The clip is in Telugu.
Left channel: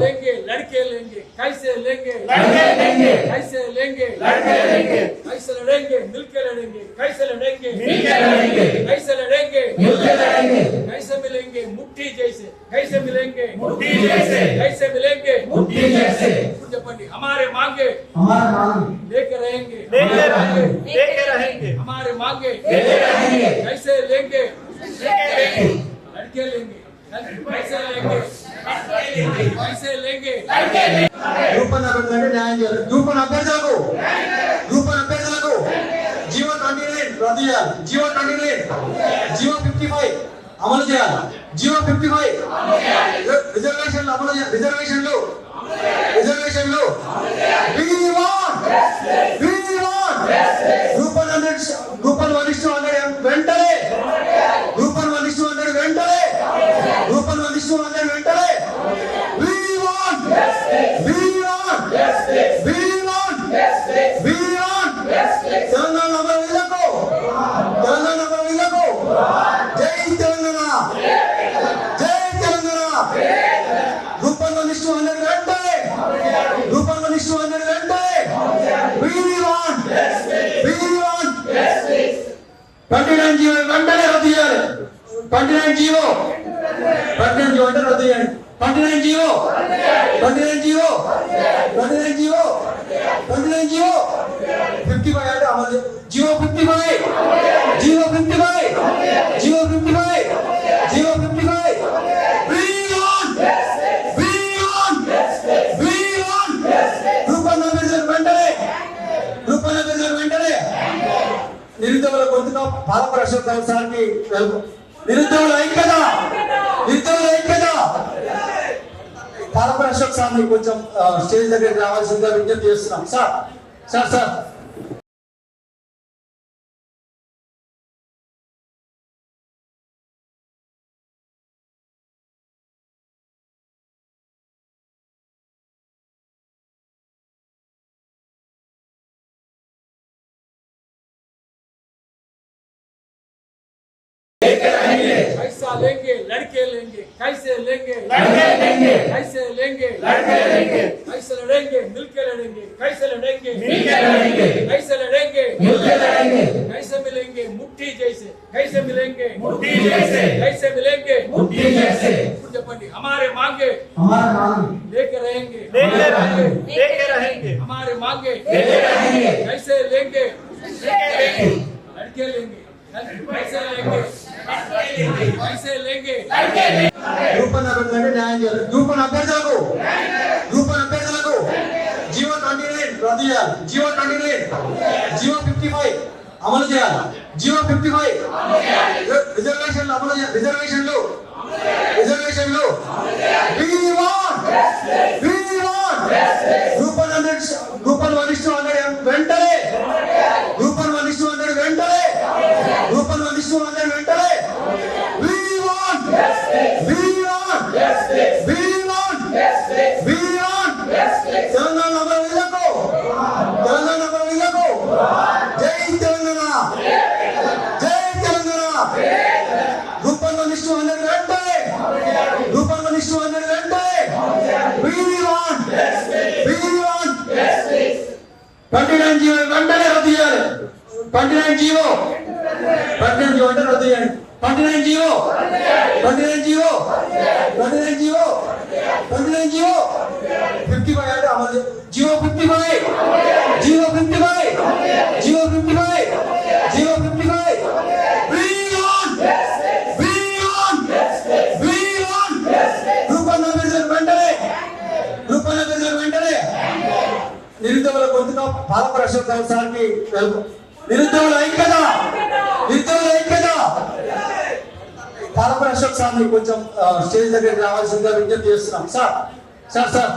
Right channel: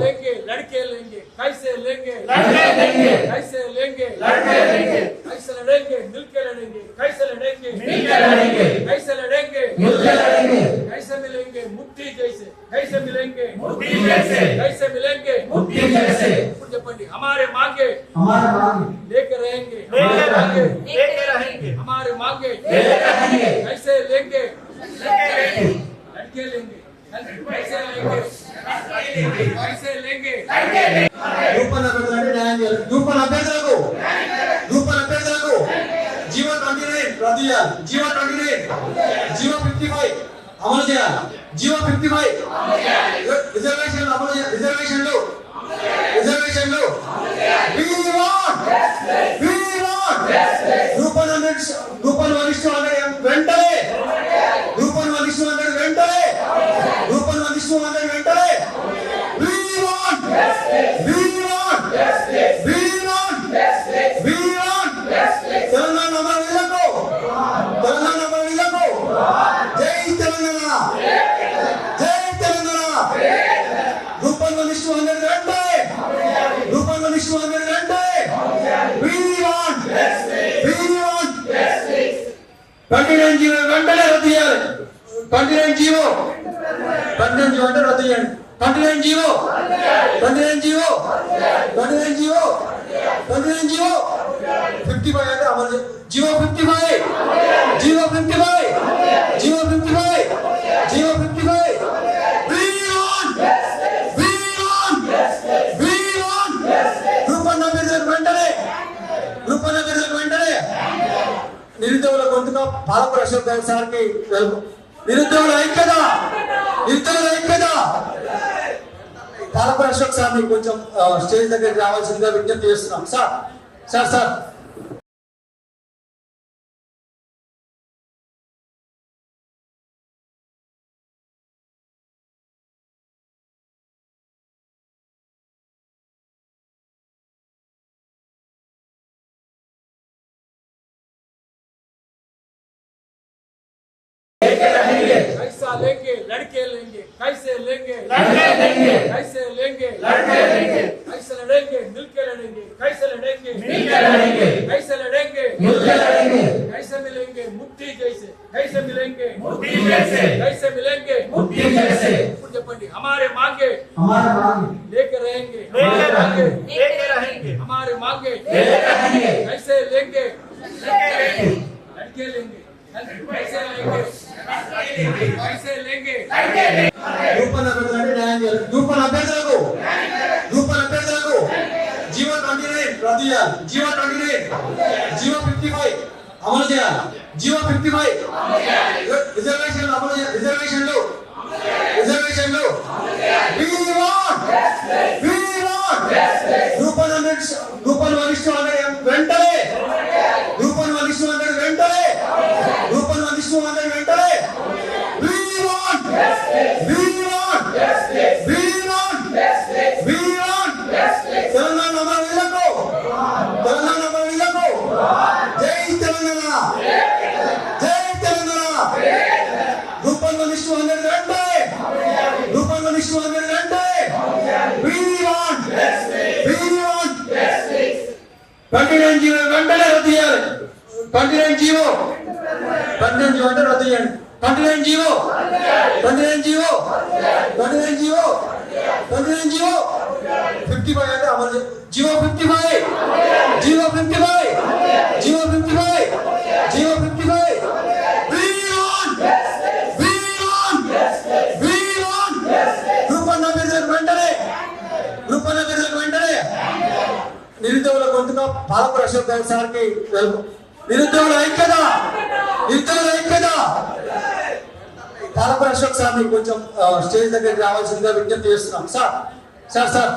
लेंगे लड़के लेंगे कैसे लेंगे लड़के लेंगे कैसे लेंगे लड़के लेंगे कैसे लड़ेंगे मिलके लड़ेंगे कैसे लड़ेंगे मिलके लड़ेंगे कैसे लड़ेंगे मिलके लड़ेंगे कैसे मिलेंगे मुट्ठी जैसे कैसे मिलेंगे मुट्ठी जैसे कैसे मिलेंगे मुट्ठी जैसे पंडित हमारे मांगे हमारे मांगे लेके रहेंगे लेके रहेंगे लेके रहेंगे हमारे मांगे लेके रहेंगे कैसे लेंगे लड़के लेंगे రూపాయలు అభ్యర్థులకు న్యాయం చేయాలి రూపాయలు అభ్యర్థులకు రూపాయలు అభ్యర్థులకు జీవో ట్వంటీ నైన్ రద్దు చేయాలి GO twenty nine GO fifty five అమలు చేయాలి జీవో ఫిఫ్టీ ఫైవ్ రిజర్వేషన్లు అమలు రిజర్వేషన్లు రిజర్వేషన్లు రూపాయలు రూపాయలు ట్వంటీ నైన్ జీవో వెంటనే రద్దు చేయాలి twenty nine G O twenty nine G O అంటే రద్దు చేయండి twenty nine G O twenty nine G O గొంతుగా భారత అశోక్ గౌడ్ సార్కి తెలుపు. నిరుద్యోగుల ఐక్యత! నిరుద్యోగుల ఐక్యత! అశోక్ కొంచెం స్టేజ్ దగ్గరికి రావాల్సిందిగా విజ్ఞప్తి చేస్తున్నాం. Sir sir sir. लेके रहेंगे। पैसा लेंगे लड़के लेंगे। कैसे लेंगे? लड़के लेंगे। कैसे लेंगे? लड़के लेंगे। कैसे लड़ेंगे? मिलके लड़ेंगे। कैसे लड़ेंगे? मिलके लड़ेंगे कैसे लड़ेंगे? मिलके लड़ेंगे कैसे मिलेंगे? मुट्ठी जैसे। कैसे मिलेंगे? मुट्ठी जैसे। कैसे मिलेंगे? मुट्ठी जैसे। चपंडी हमारे मांगे। हमारे मांगे। लेके रहेंगे। लेके रहेंगे। लेके रहेंगे। हमारे मांगे। लेके रहेंगे। कैसे लेंगे? రూపణ అభ్యర్థులకు న్యాయం చేయాలి. రూపణ అభ్యర్థులకు రూపణ అభ్యర్థులకు జీవో ట్వంటీ నైన్ రద్దు చేయాలి. GO twenty nine. GO fifty five అమలు చేయాలి. జీవో ఫిఫ్టీ ఫైవ్ రిజర్వేషన్లు అమలు వెంట We want! We want! Twenty nine G O వెంటనే రద్దు చేయాలి twenty nine G O twenty nine G O అంటే రద్దు చేయండి twenty nine G O twenty nine G O twenty nine G O twenty nine G O fifty five అంటే అమలు చే- జీవో ఫిఫ్టీ ఫైవ్ భారత అశోక్ సార్కి తెలుపు. ఐక్యత! నిరుద్యోగుల ఐక్యత! భారత అశోక్ సార్ని కొంచెం స్టేజ్ దగ్గరికి రావాల్సిందిగా విజ్ఞప్తి చేస్తున్నాం. Sir sir sir.